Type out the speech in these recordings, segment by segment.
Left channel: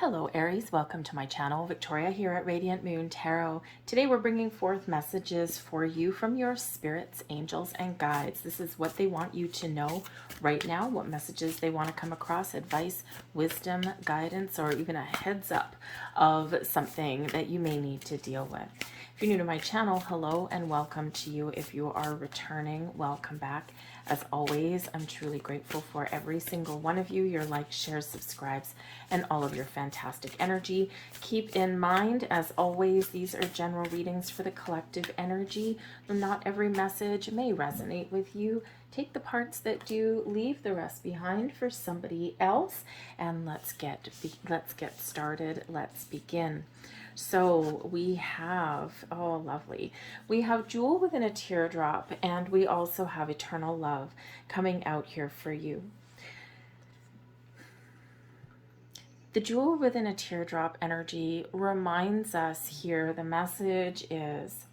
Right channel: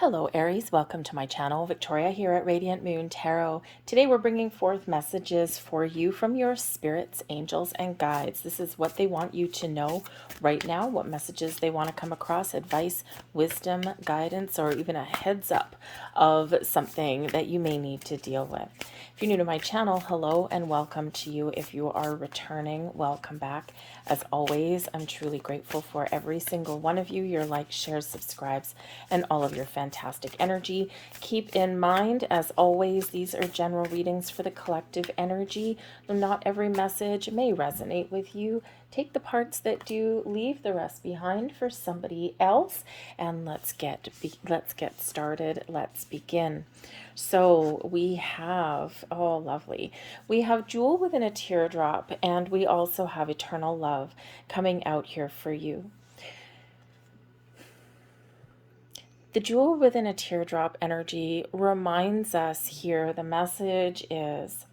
Hello Aries, welcome to my channel. Victoria here at Radiant Moon Tarot. Today we're bringing forth messages for you from your spirits, angels, and guides. This is what they want you to know right now, what messages they want to come across, advice, wisdom, guidance, or even a heads up of something that you may need to deal with. If you're new to my channel, hello and welcome to you. If you are returning, welcome back. As always, I'm truly grateful for every single one of you, your likes, shares, subscribes, and all of your fantastic energy. Keep in mind, as always, these are general readings for the collective energy. Not every message may resonate with you. Take the parts that do, leave the rest behind for somebody else, and let's get started. Let's begin. So we have, oh lovely, we have Jewel Within a Teardrop, and we also have Eternal Love coming out here for you. The Jewel Within a Teardrop energy reminds us here, the message is,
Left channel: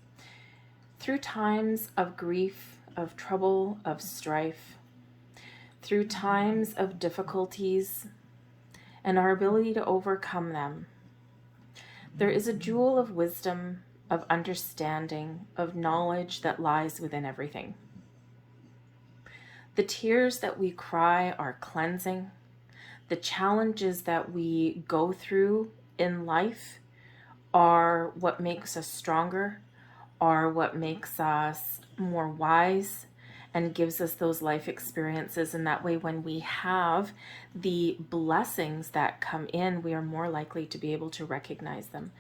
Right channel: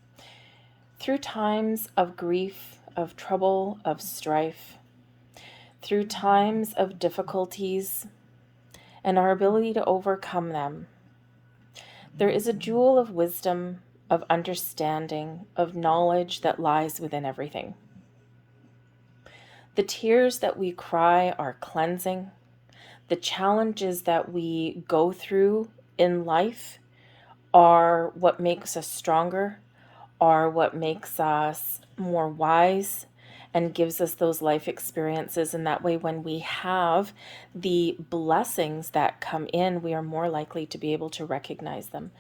through times of grief, of trouble, of strife, through times of difficulties and our ability to overcome them, there is a jewel of wisdom, of understanding, of knowledge that lies within everything. The tears that we cry are cleansing. The challenges that we go through in life are what makes us stronger, are what makes us more wise, and gives us those life experiences. And that way, when we have the blessings that come in, we are more likely to be able to recognize them.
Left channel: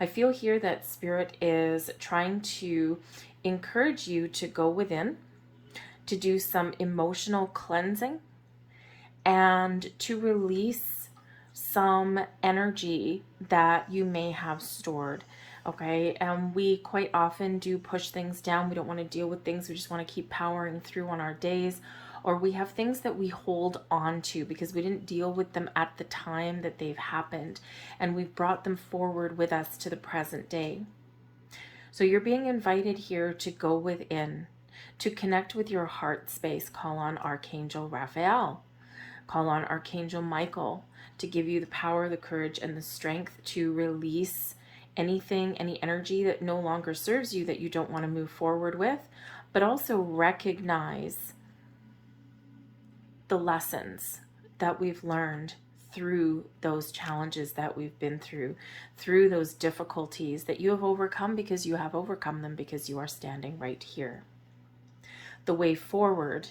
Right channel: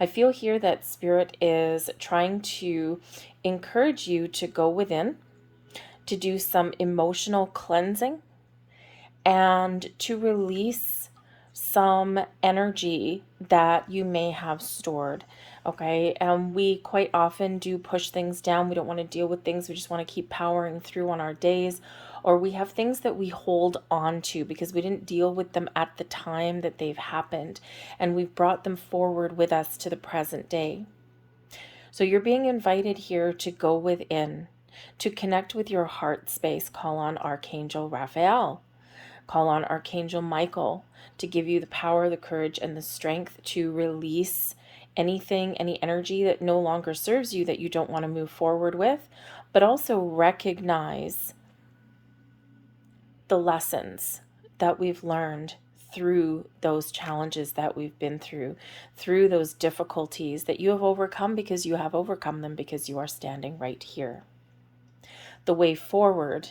I feel here that Spirit is trying to encourage you to go within, to do some emotional cleansing, and to release some energy that you may have stored. Okay, and we quite often do push things down. We don't want to deal with things. We just want to keep powering through on our days. Or we have things that we hold on to because we didn't deal with them at the time that they've happened. And we've brought them forward with us to the present day. So you're being invited here to go within, to connect with your heart space. Call on Archangel Raphael. Call on Archangel Michael to give you the power, the courage, and the strength to release anything, any energy that no longer serves you, that you don't want to move forward with, but also recognize the lessons that we've learned through those challenges that we've been through those difficulties that you have overcome, because you have overcome them, because you are standing right here. The way forward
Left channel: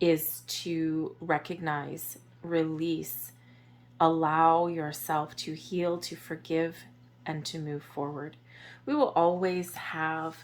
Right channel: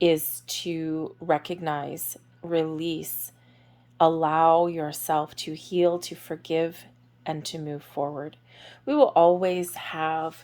is to recognize, release, allow yourself to heal, to forgive, and to move forward. We will always have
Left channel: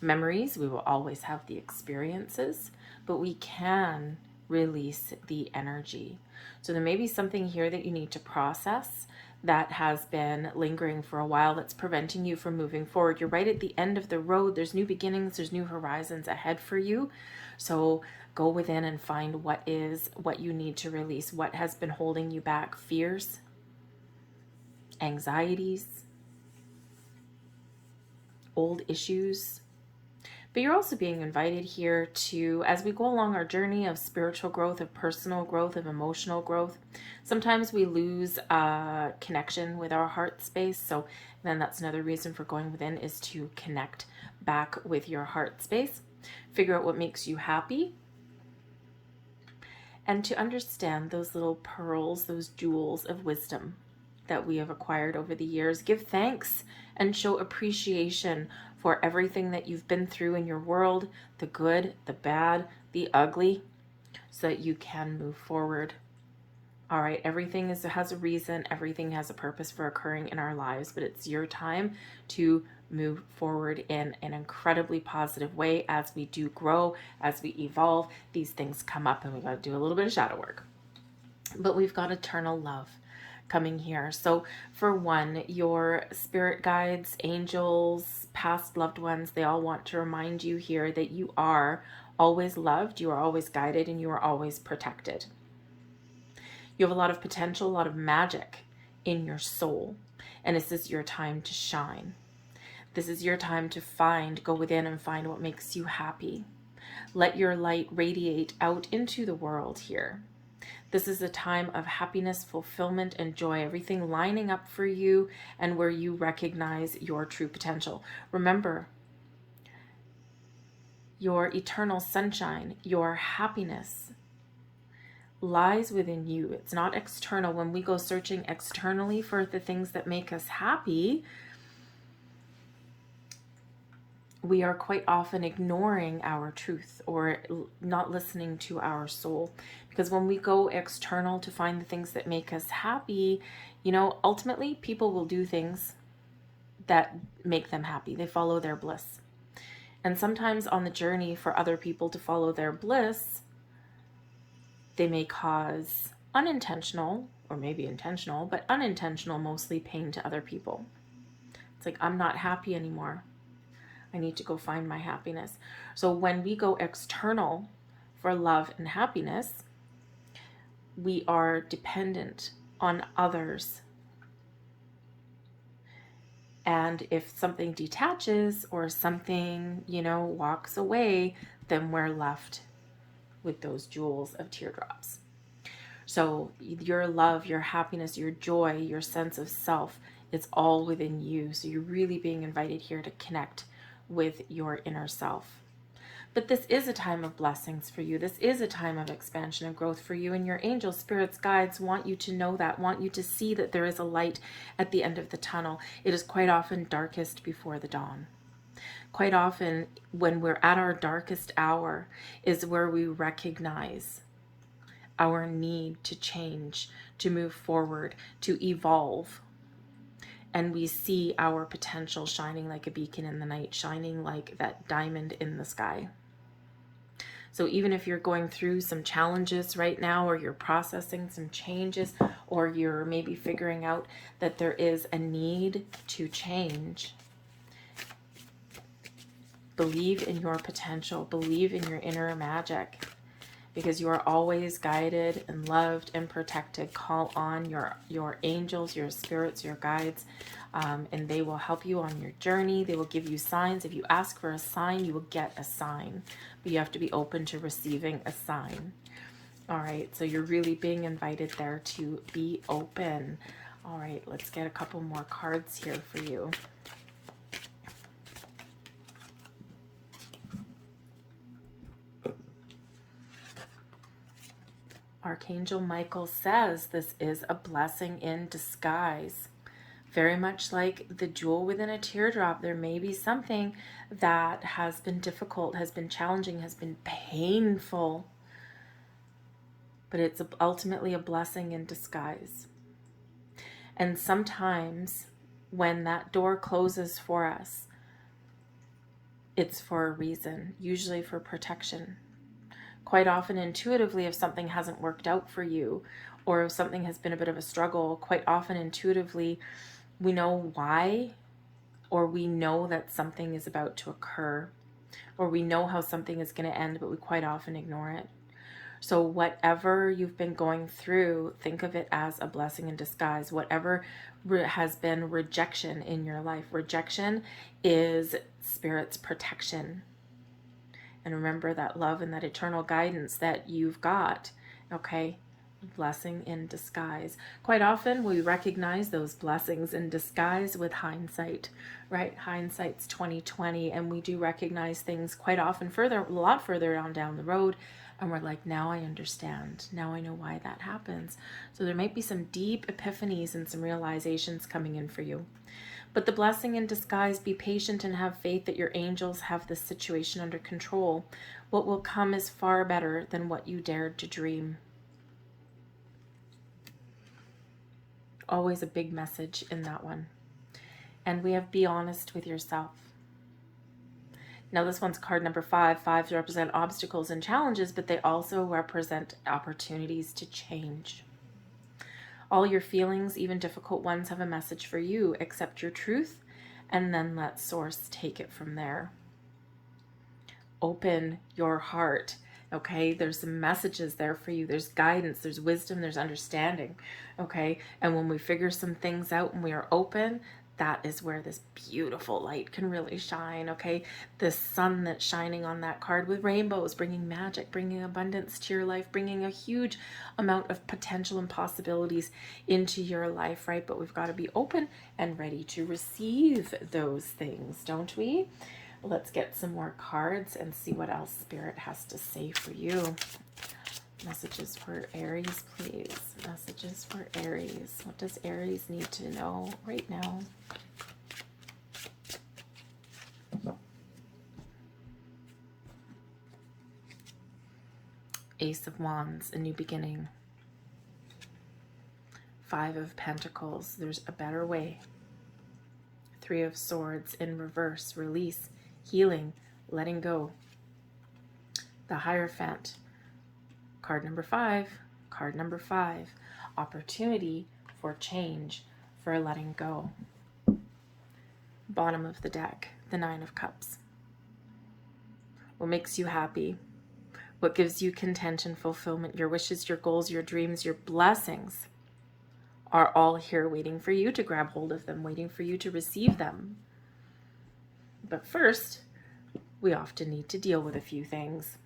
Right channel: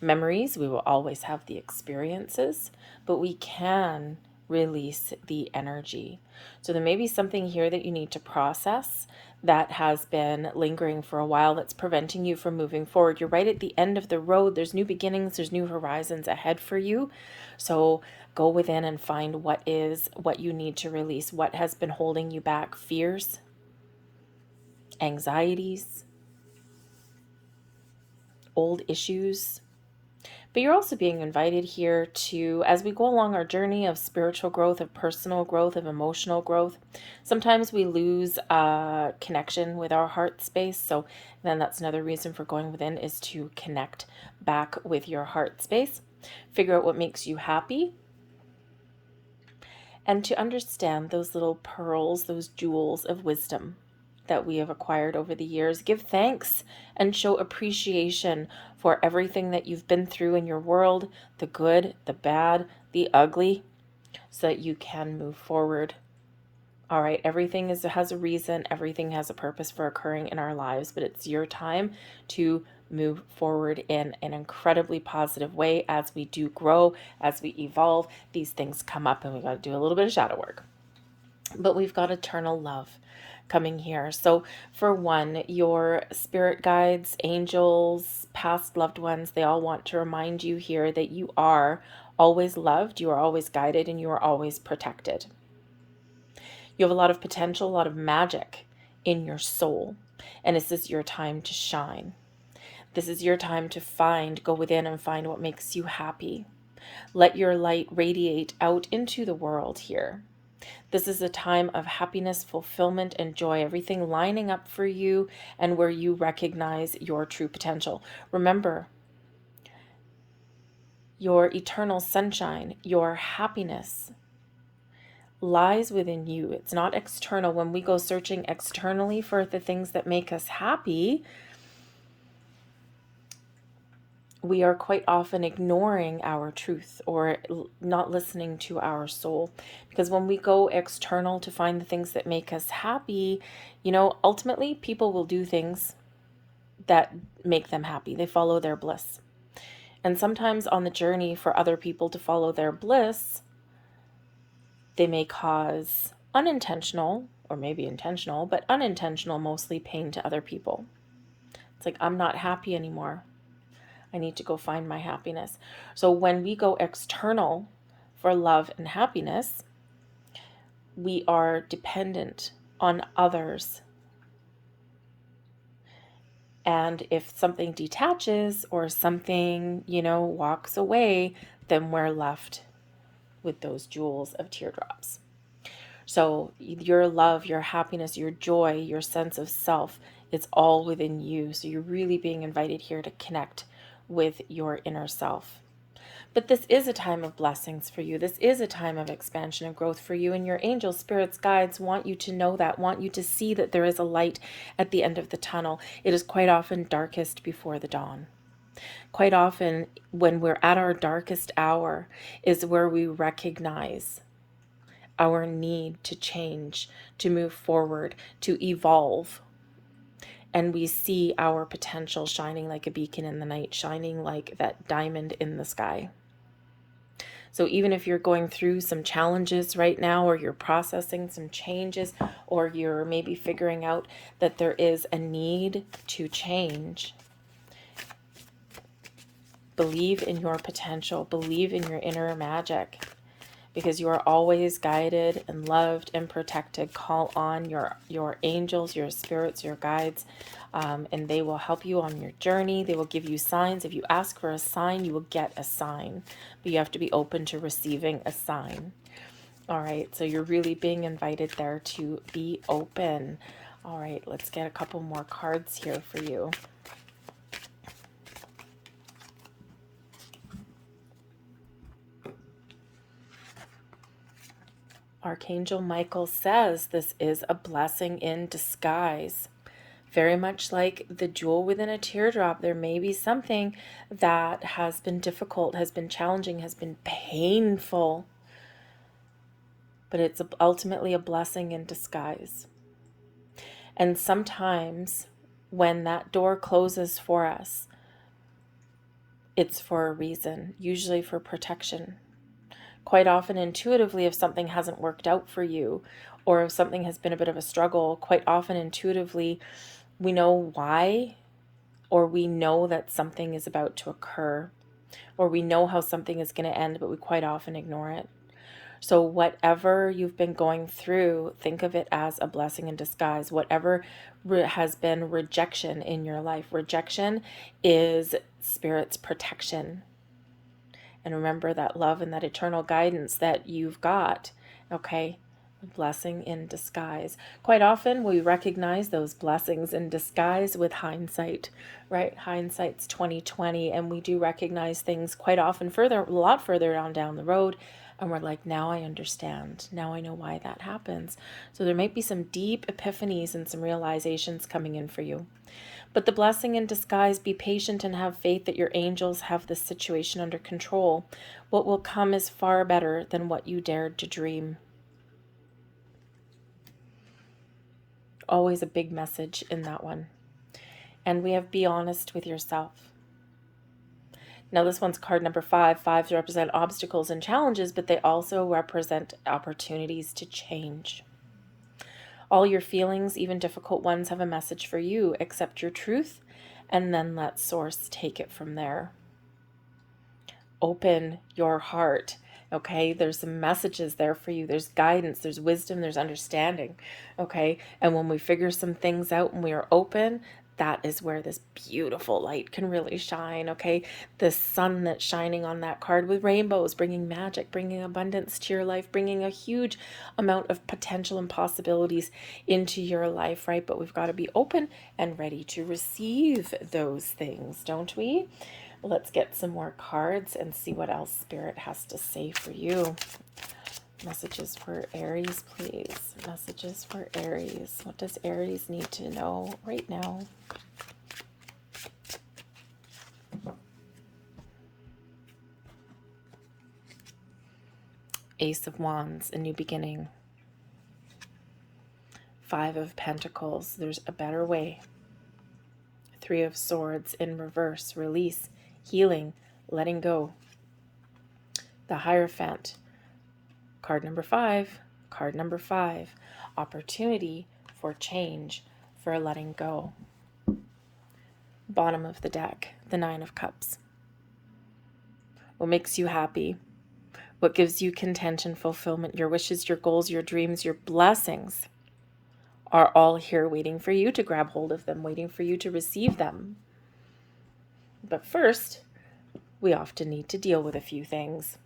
memories, we will always have the experiences, but we can release the energy. So there may be something here that you need to process that has been lingering for a while, that's preventing you from moving forward. You're right at the end of the road. There's new beginnings, there's new horizons ahead for you. So go within and find what you need to release, what has been holding you back, fears, anxieties, old issues. But you're also being invited here to, as we go along our journey of spiritual growth, of personal growth, of emotional growth, sometimes we lose a connection with our heart space. So then that's another reason for going within, is to connect back with your heart space, figure out what makes you happy, and to understand those little pearls, those jewels of wisdom that we have acquired over the years. Give thanks and show appreciation for everything that you've been through in your world, the good, the bad, the ugly, so that you can move forward. All right, everything has a reason, everything has a purpose for occurring in our lives, but it's your time to move forward in an incredibly positive way. As we do grow, as we evolve, these things come up, and we got to do a little bit of shadow work. But we've got eternal love coming here. So for one, your spirit guides, angels, past loved ones, they all want to remind you here that you are always loved, you are always guided, and you are always protected. You have a lot of potential, a lot of magic in your soul, and this is your time to shine. This is your time to go within and find what makes you happy. Let your light radiate out into the world here. This is a time of happiness, fulfillment, and joy, everything lining up for you and where you recognize your true potential. Remember, your eternal sunshine, your happiness lies within you. It's not external. When we go searching externally for the things that make us happy, we are quite often ignoring our truth or not listening to our soul. Because when we go external to find the things that make us happy, ultimately people will do things that make them happy. They follow their bliss. And sometimes on the journey for other people to follow their bliss, they may cause unintentional, or maybe intentional, but unintentional mostly, pain to other people. It's like, I'm not happy anymore. I need to go find my happiness. So when we go external for love and happiness, we are dependent on others. And if something detaches or something, walks away, then we're left with those jewels of teardrops. So your love, your happiness, your joy, your sense of self, it's all within you. So you're really being invited here to connect with your inner self. But this is a time of blessings for you. This is a time of expansion and growth for you. And your angels, spirits, guides want you to know that, want you to see that there is a light at the end of the tunnel. It is quite often darkest before the dawn. Quite often, when we're at our darkest hour, is where we recognize our need to change, to move forward, to evolve. And we see our potential shining like a beacon in the night, shining like that diamond in the sky. So even if you're going through some challenges right now, or you're processing some changes, or you're maybe figuring out that there is a need to change, believe in your potential, believe in your inner magic, because you are always guided and loved and protected. Call on your angels, your spirits, your guides, and they will help you on your journey. They will give you signs. If you ask for a sign, you will get a sign, but you have to be open to receiving a sign. All right, so you're really being invited there to be open. All right, let's get a couple more cards here for you. Archangel Michael says this is a blessing in disguise. Very much like the jewel within a teardrop, there may be something that has been difficult, has been challenging, has been painful, but it's ultimately a blessing in disguise. And sometimes when that door closes for us, it's for a reason, usually for protection. Quite often, intuitively, if something hasn't worked out for you, or if something has been a bit of a struggle, quite often intuitively we know why, or we know that something is about to occur, or we know how something is going to end, but we quite often ignore it. So whatever you've been going through, think of it as a blessing in disguise. Whatever has been rejection in your life, rejection is Spirit's protection. And remember that love and that eternal guidance that you've got, okay? Blessing in disguise. Quite often we recognize those blessings in disguise with hindsight, right? Hindsight's 20/20, and we do recognize things quite often a lot further down the road, and we're like, now I understand. Now I know why that happens. So there might be some deep epiphanies and some realizations coming in for you. But the blessing in disguise, be patient and have faith that your angels have the situation under control. What will come is far better than what you dared to dream. Always a big message in that one. And we have be honest with yourself. Now this one's card number 5. 5s represent obstacles and challenges, but they also represent opportunities to change. All your feelings, even difficult ones, have a message for you. Accept your truth and then let Source take it from there. Open your heart, okay? There's some messages there for you. There's guidance, there's wisdom, there's understanding, okay? And when we figure some things out and we are open, that is where this beautiful light can really shine, okay? The sun that's shining on that card with rainbows, bringing magic, bringing abundance to your life, bringing a huge amount of potential and possibilities into your life, right? But we've got to be open and ready to receive those things, don't we? Let's get some more cards and see what else Spirit has to say for you. Messages for Aries, please. Messages for Aries. What does Aries need to know right now? Ace of Wands, a new beginning. Five of Pentacles, there's a better way. Three of Swords in reverse, release, healing, letting go. The Hierophant, card number 5, card number 5, opportunity for change, for letting go. Bottom of the deck, the Nine of Cups. What makes you happy? What gives you content and fulfillment? Your wishes, your goals, your dreams, your blessings are all here waiting for you to grab hold of them, waiting for you to receive them. But first, we often need to deal with a few things.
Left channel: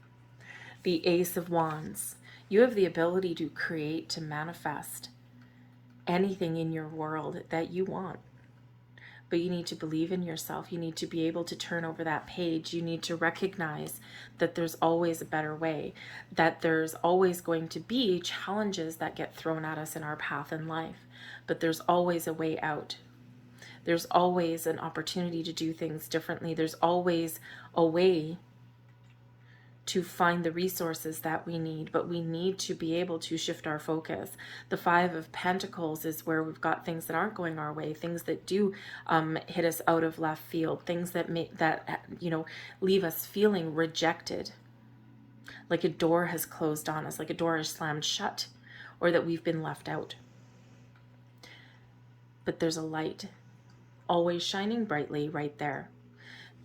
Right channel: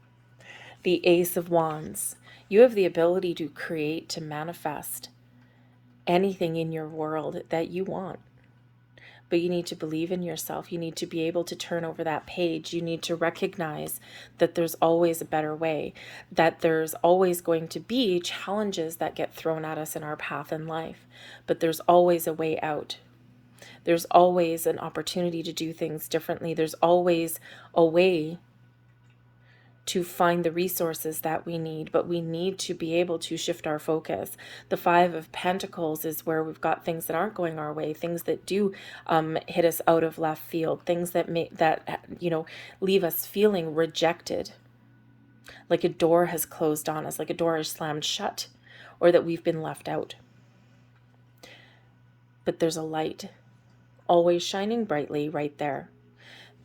The Ace of Wands. You have the ability to create, to manifest anything in your world that you want. But you need to believe in yourself. You need to be able to turn over that page. You need to recognize that there's always a better way, that there's always going to be challenges that get thrown at us in our path in life, but there's always a way out. There's always an opportunity to do things differently. There's always a way to find the resources that we need, but we need to be able to shift our focus. The Five of Pentacles is where we've got things that aren't going our way, things that do hit us out of left field, things that leave us feeling rejected, like a door has closed on us, like a door is slammed shut, or that we've been left out. But there's a light always shining brightly right there.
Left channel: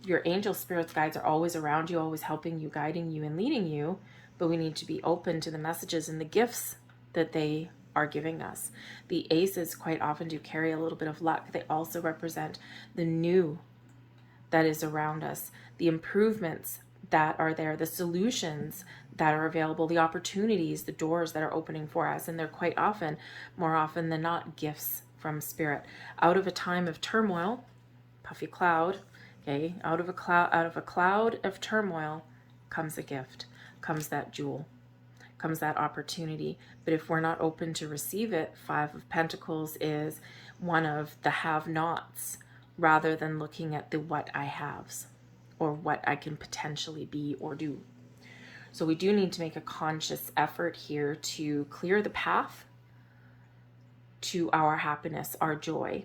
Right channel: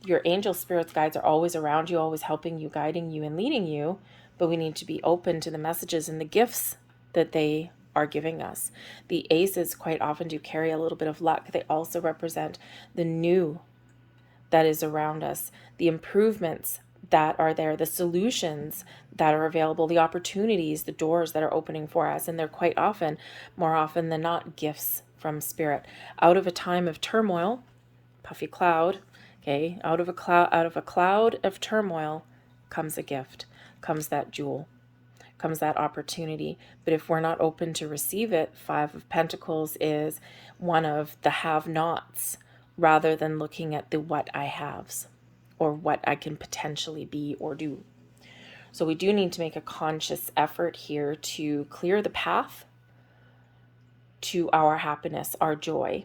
Your angel spirits guides are always around you, always helping you, guiding you, and leading you, but we need to be open to the messages and the gifts that they are giving us. The aces quite often do carry a little bit of luck. They also represent the new that is around us, the improvements that are there, the solutions that are available, the opportunities, the doors that are opening for us, and they're quite often, more often than not, gifts from Spirit. Out of a time of turmoil, puffy cloud, okay, out of a cloud of turmoil comes a gift, comes that jewel, comes that opportunity. But if we're not open to receive it, Five of Pentacles is one of the have-nots, rather than looking at the what I haves or what I can potentially be or do. So we do need to make a conscious effort here to clear the path to our happiness, our joy,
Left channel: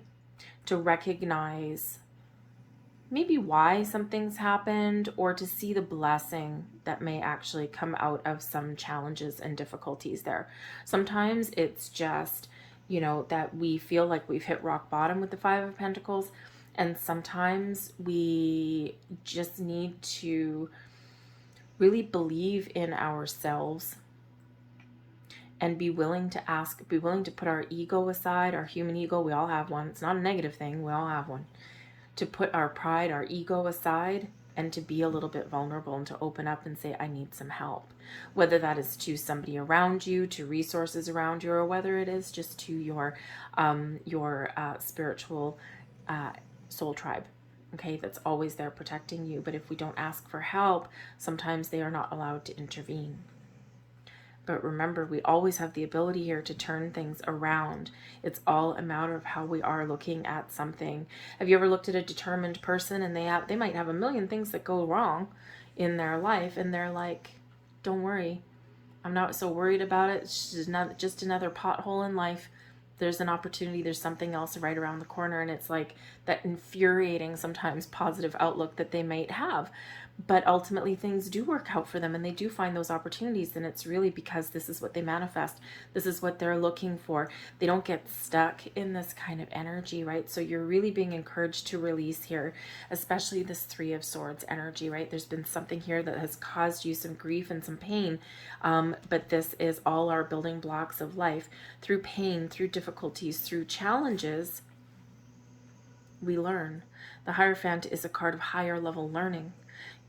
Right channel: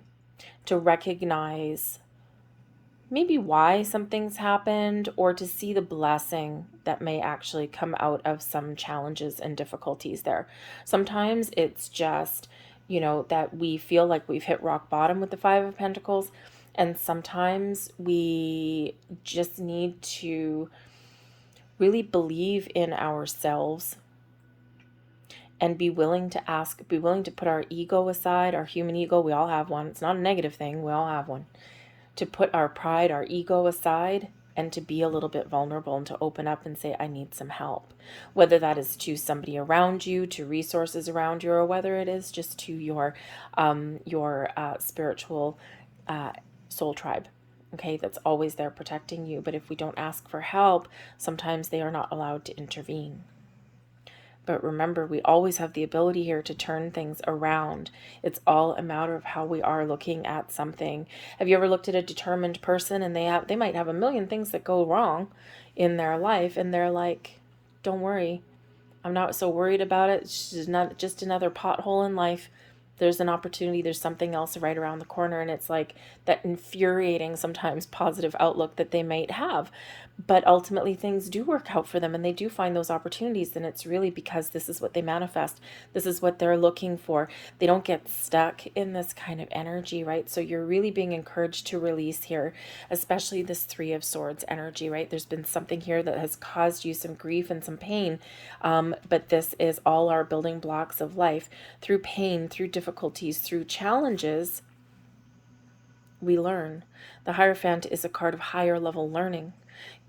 to recognize maybe why something's happened, or to see the blessing that may actually come out of some challenges and difficulties there. Sometimes it's just, that we feel like we've hit rock bottom with the Five of Pentacles, and sometimes we just need to really believe in ourselves and be willing to put our ego aside, our human ego. We all have one. It's not a negative thing. We all have one. To put our pride, our ego aside, and to be a little bit vulnerable and to open up and say, I need some help. Whether that is to somebody around you, to resources around you, or whether it is just to your spiritual soul tribe, okay, that's always there protecting you. But if we don't ask for help, sometimes they are not allowed to intervene. But remember, we always have the ability here to turn things around. It's all a matter of how we are looking at something. Have you ever looked at a determined person and they might have a million things that go wrong in their life, and they're like, don't worry, I'm not so worried about it. It's just another pothole in life. There's an opportunity. There's something else right around the corner. And it's like that infuriating, sometimes positive outlook that they might have. But ultimately things do work out for them and they do find those opportunities. And it's really because this is what they manifest. This is what they're looking for. They don't get stuck in this kind of energy, right? So you're really being encouraged to release here, especially this Three of Swords energy, right? There's been something here that has caused you some grief and some pain. But this is all our building blocks of life. Through pain, through difficulties, through challenges, we learn. The Hierophant is a card of higher level learning,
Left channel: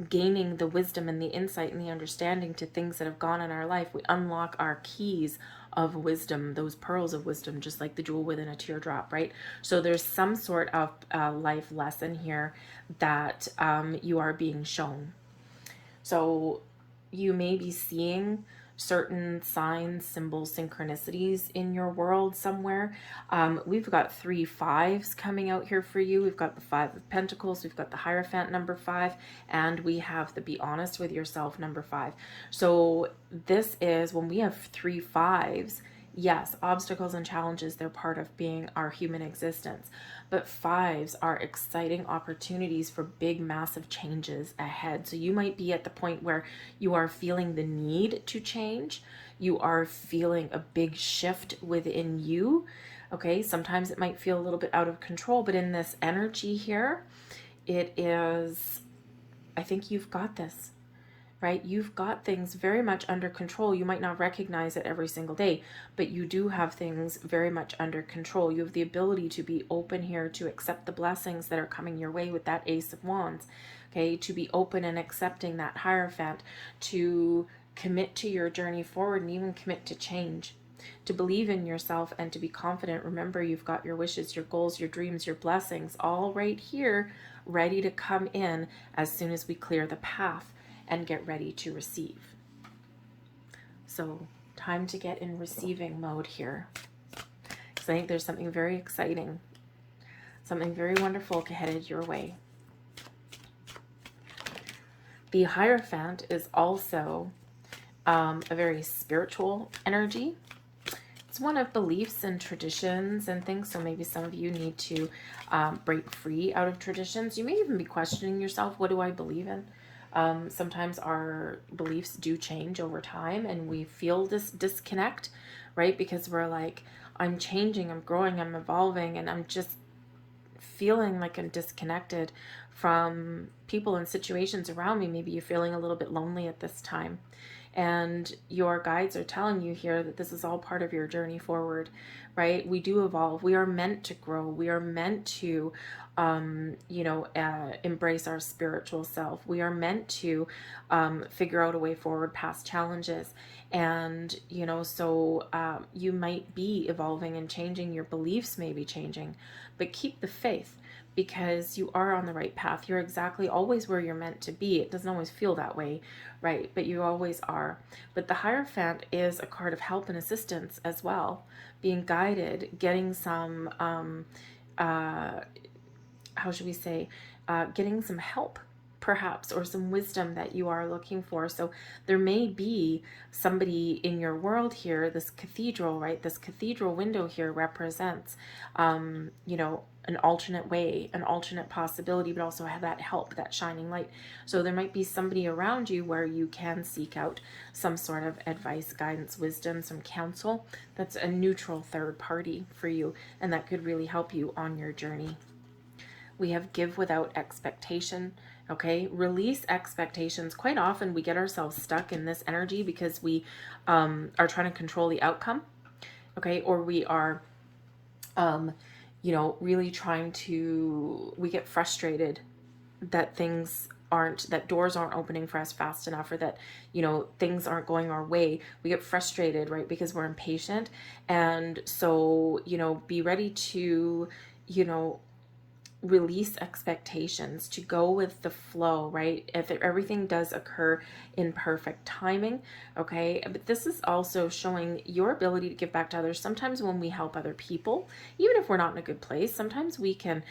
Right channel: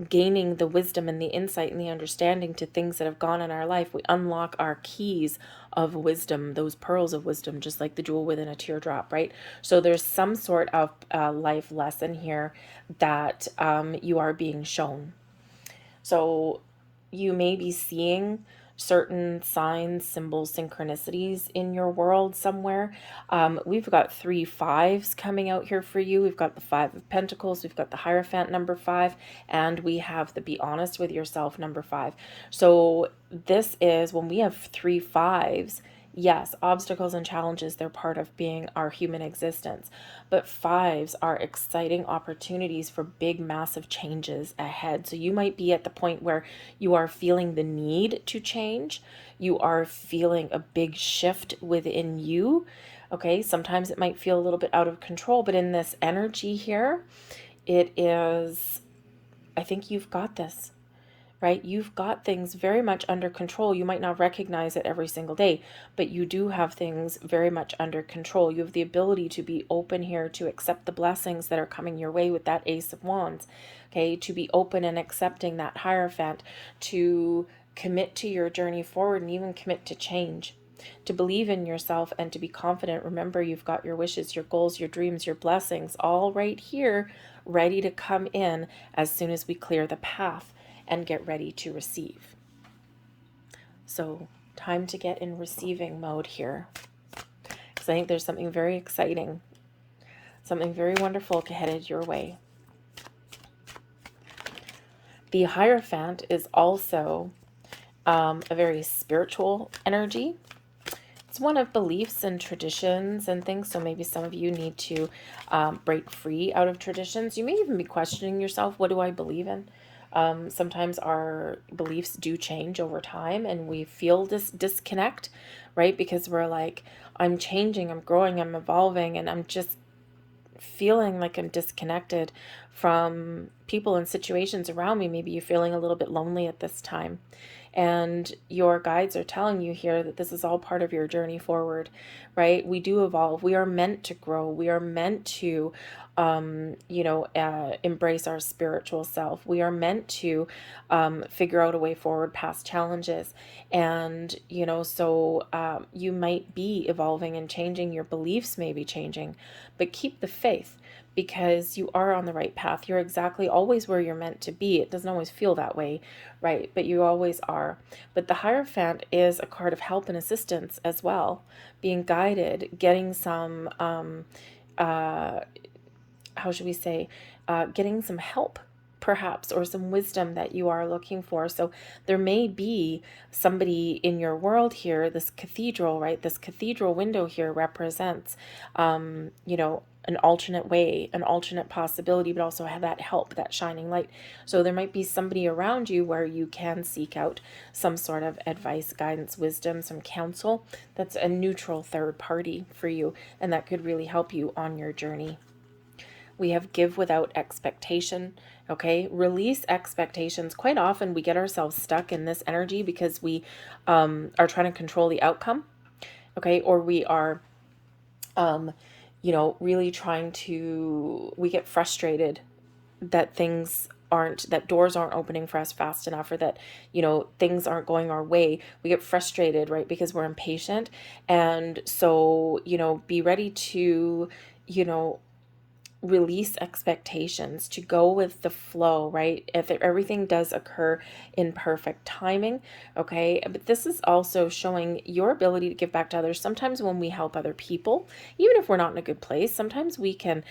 gaining the wisdom and the insight and the understanding to things that have gone in our life. We unlock our keys of wisdom, those pearls of wisdom, just like the jewel within a teardrop, right? So there's some sort of life lesson here that you are being shown. So you may be seeing certain signs, symbols, synchronicities in your world somewhere. We've got 3 5s coming out here for you. We've got the 5 of Pentacles, we've got the Hierophant number 5, and we have the Be Honest with Yourself number 5. So this is when we have 3 5s. Yes, obstacles and challenges, they're part of being our human existence. But 5s are exciting opportunities for big, massive changes ahead. So you might be at the point where you are feeling the need to change. You are feeling a big shift within you. Okay, sometimes it might feel a little bit out of control, but in this energy here, it is, I think you've got this, right? You've got things very much under control. You might not recognize it every single day, but you do have things very much under control. You have the ability to be open here, to accept the blessings that are coming your way with that Ace of Wands, okay? To be open and accepting that Hierophant, to commit to your journey forward and even commit to change, to believe in yourself and to be confident. Remember, you've got your wishes, your goals, your dreams, your blessings all right here, ready to come in as soon as we clear the path and get ready to receive. So time to get in receiving mode here, because I think there's something very exciting, something very wonderful headed your way. The Hierophant is also a very spiritual energy. It's one of beliefs and traditions and things. So maybe some of you need to break free out of traditions. You may even be questioning yourself, what do I believe in? Sometimes our beliefs do change over time and we feel this disconnect, right? Because we're like, I'm changing, I'm growing, I'm evolving, and I'm just feeling like I'm disconnected from people and situations around me. Maybe you're feeling a little bit lonely at this time. And your guides are telling you here that this is all part of your journey forward, right? We do evolve. We are meant to grow. We are meant to embrace our spiritual self. We are meant to figure out a way forward past challenges. And, so you might be evolving and changing. Your beliefs may be changing, but keep the faith, because you are on the right path. You're exactly always where you're meant to be. It doesn't always feel that way, right? But you always are. But the Hierophant is a card of help and assistance as well, being guided, getting some how should we say, getting some help perhaps, or some wisdom that you are looking for. So there may be somebody in your world here, this cathedral, right? This cathedral window here represents, an alternate way, an alternate possibility, but also have that help, that shining light. So there might be somebody around you where you can seek out some sort of advice, guidance, wisdom, some counsel. That's a neutral third party for you, and that could really help you on your journey. We have give without expectation. Okay, release expectations. Quite often we get ourselves stuck in this energy because we are trying to control the outcome. Okay, or we are really trying to, we get frustrated that that doors aren't opening for us fast enough, or that, things aren't going our way. We get frustrated, right? Because we're impatient. And so, be ready to, release expectations, to go with the flow, right? If everything does occur in perfect timing, okay? But this is also showing your ability to give back to others. Sometimes when we help other people, even if we're not in a good place, sometimes we can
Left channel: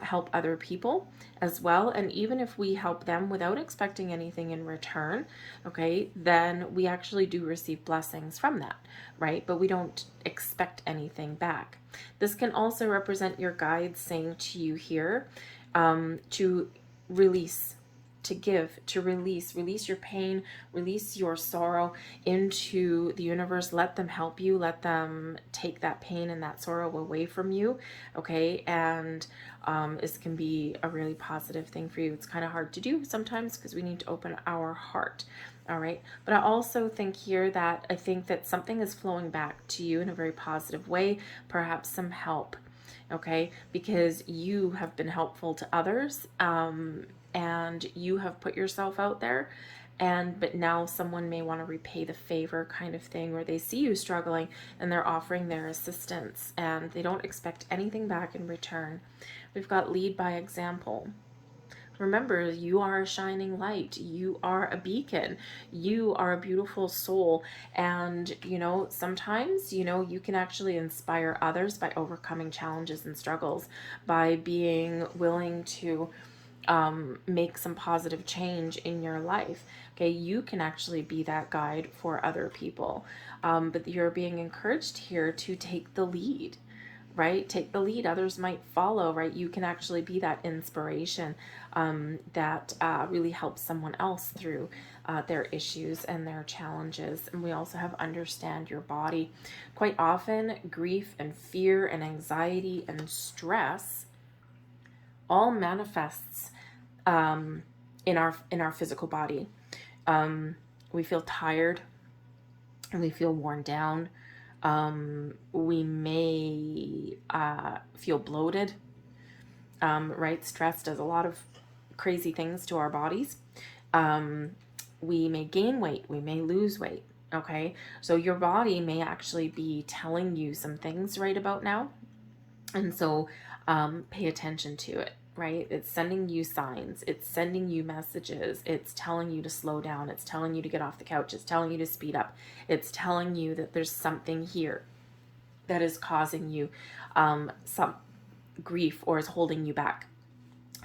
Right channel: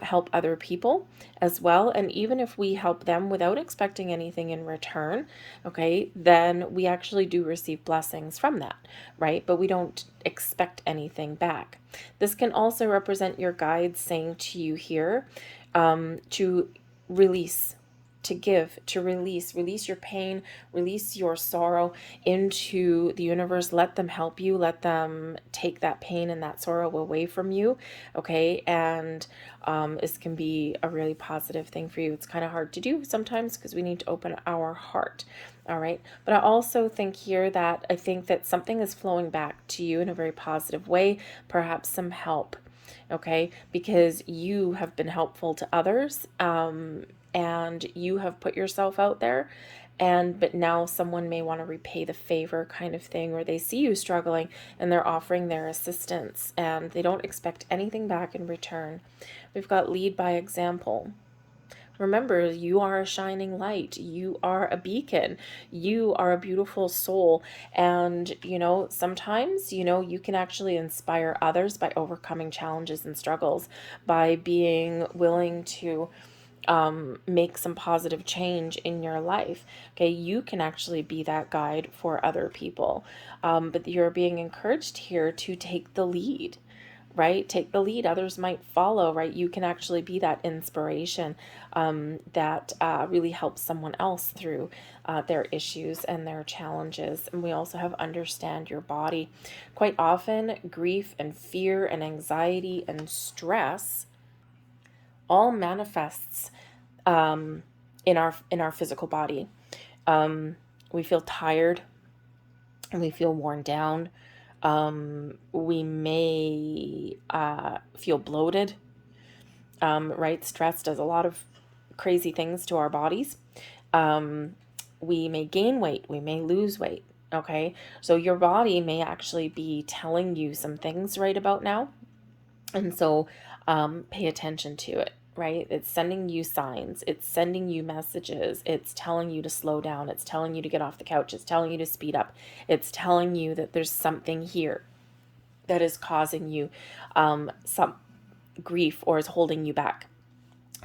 help other people as well. And even if we help them without expecting anything in return, okay, then we actually do receive blessings from that, right? But we don't expect anything back. This can also represent your guides saying to you here to release, to give, to release your pain, release your sorrow into the universe. Let them help you. Let them take that pain and that sorrow away from you. Okay. And this can be a really positive thing for you. It's kind of hard to do sometimes because we need to open our heart. All right. But I also think here that I think that something is flowing back to you in a very positive way, perhaps some help. okay? Because you have been helpful to others, and you have put yourself out there, but now someone may want to repay the favor, kind of thing, where they see you struggling and they're offering their assistance and they don't expect anything back in return. We've got lead by example. Remember, you are a shining light. You are a beacon. You are a beautiful soul. And, sometimes, you can actually inspire others by overcoming challenges and struggles, by being willing to make some positive change in your life. Okay, you can actually be that guide for other people. But you're being encouraged here to take the lead, right? Take the lead. Others might follow, right? You can actually be that inspiration that really helps someone else through their issues and their challenges. And we also have understand your body. Quite often, grief and fear and anxiety and stress all manifests in our physical body. We feel tired and we feel worn down. We may feel bloated, right? Stress does a lot of crazy things to our bodies. We may gain weight, we may lose weight, okay? So your body may actually be telling you some things right about now. And so pay attention to it, right? It's sending you signs. It's sending you messages. It's telling you to slow down. It's telling you to get off the couch. It's telling you to speed up. It's telling you that there's something here that is causing you some grief or is holding you back.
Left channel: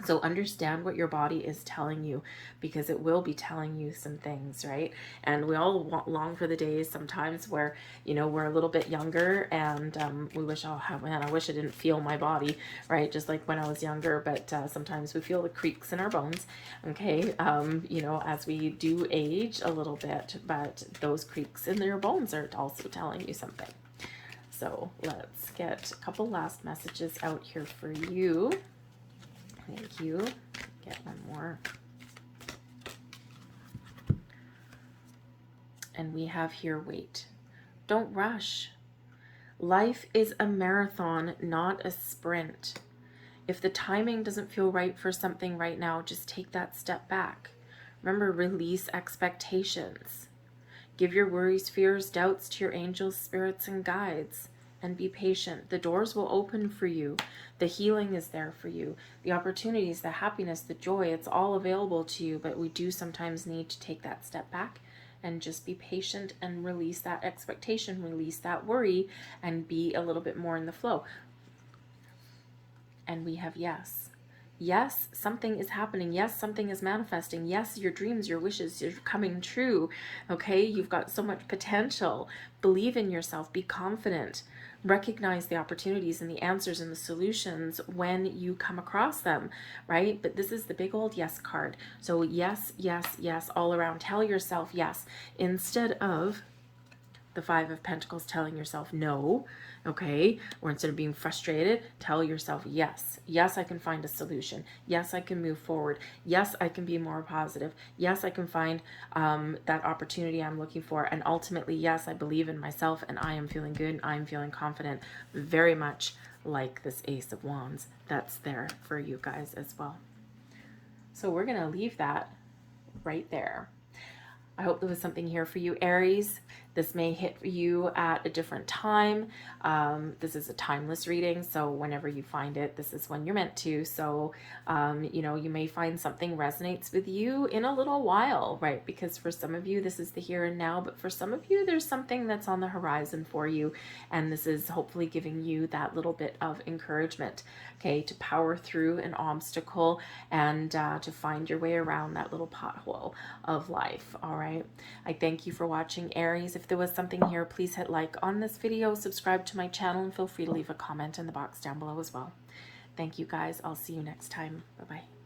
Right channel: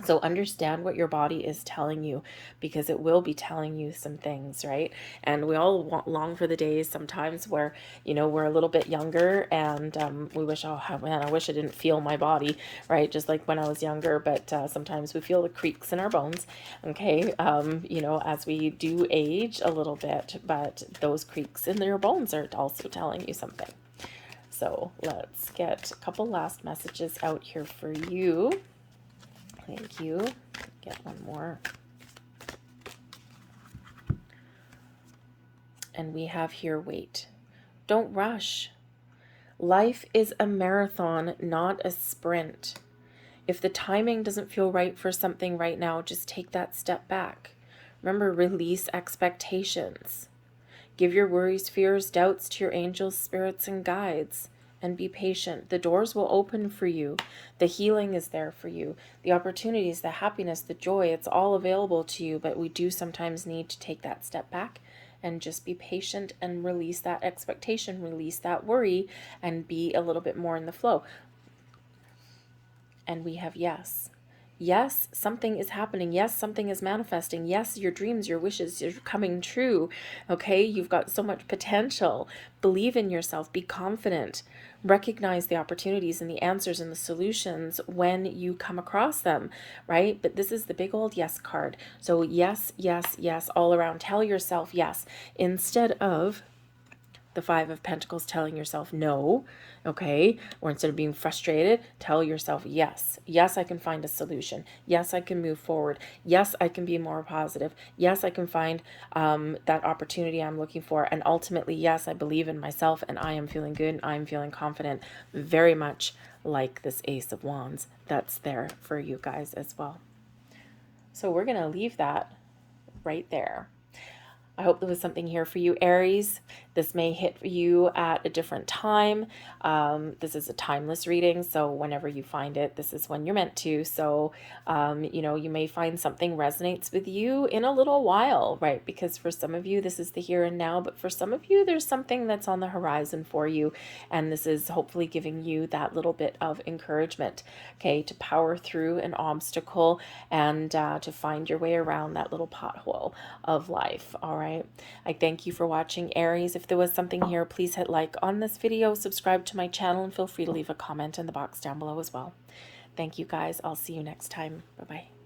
So understand what your body is telling you, because it will be telling you some things, right? And we all long for the days sometimes where, we're a little bit younger and we wish, oh man, I wish I didn't feel my body, right? Just like when I was younger, but sometimes we feel the creaks in our bones, okay? As we do age a little bit, but those creaks in your bones are also telling you something. So let's get a couple last messages out here for you. Thank you. Get one more. And we have here, wait. Don't rush. Life is a marathon, not a sprint. If the timing doesn't feel right for something right now, just take that step back. Remember, release expectations. Give your worries, fears, doubts to your angels, spirits, and guides. And be patient. The doors will open for you. The healing is there for you. The opportunities, the happiness, the joy, it's all available to you, but we do sometimes need to take that step back and just be patient and release that expectation, release that worry, and be a little bit more in the flow. And we have yes. Yes, something is happening. Yes, something is manifesting. Yes, your dreams, your wishes are coming true. Okay, you've got so much potential. Believe in yourself. Be confident. Recognize the opportunities and the answers and the solutions when you come across them, right? But this is the big old yes card. So yes, yes, yes, all around. Tell yourself yes, instead of the Five of Pentacles telling yourself no, okay? Or instead of being frustrated, tell yourself yes. Yes, I can find a solution. Yes, I can move forward. Yes, I can be more positive. Yes, I can find that opportunity I'm looking for. And ultimately, yes, I believe in myself and I am feeling good and I'm feeling confident, very much like this Ace of Wands that's there for you guys as well. So we're going to leave that right there. I hope there was something here for you, Aries. This may hit you at a different time. This is a timeless reading, so whenever you find it, this is when you're meant to. So, you may find something resonates with you in a little while, right? Because for some of you, this is the here and now, but for some of you, there's something that's on the horizon for you, and this is hopefully giving you that little bit of encouragement, okay, to power through an obstacle and to find your way around that little pothole of life, all right? I thank you for watching, Aries. If there was something here, please hit like on this video, subscribe to my channel, and feel free to leave a comment in the box down below as well. Thank you guys. I'll see you next time. Bye-bye.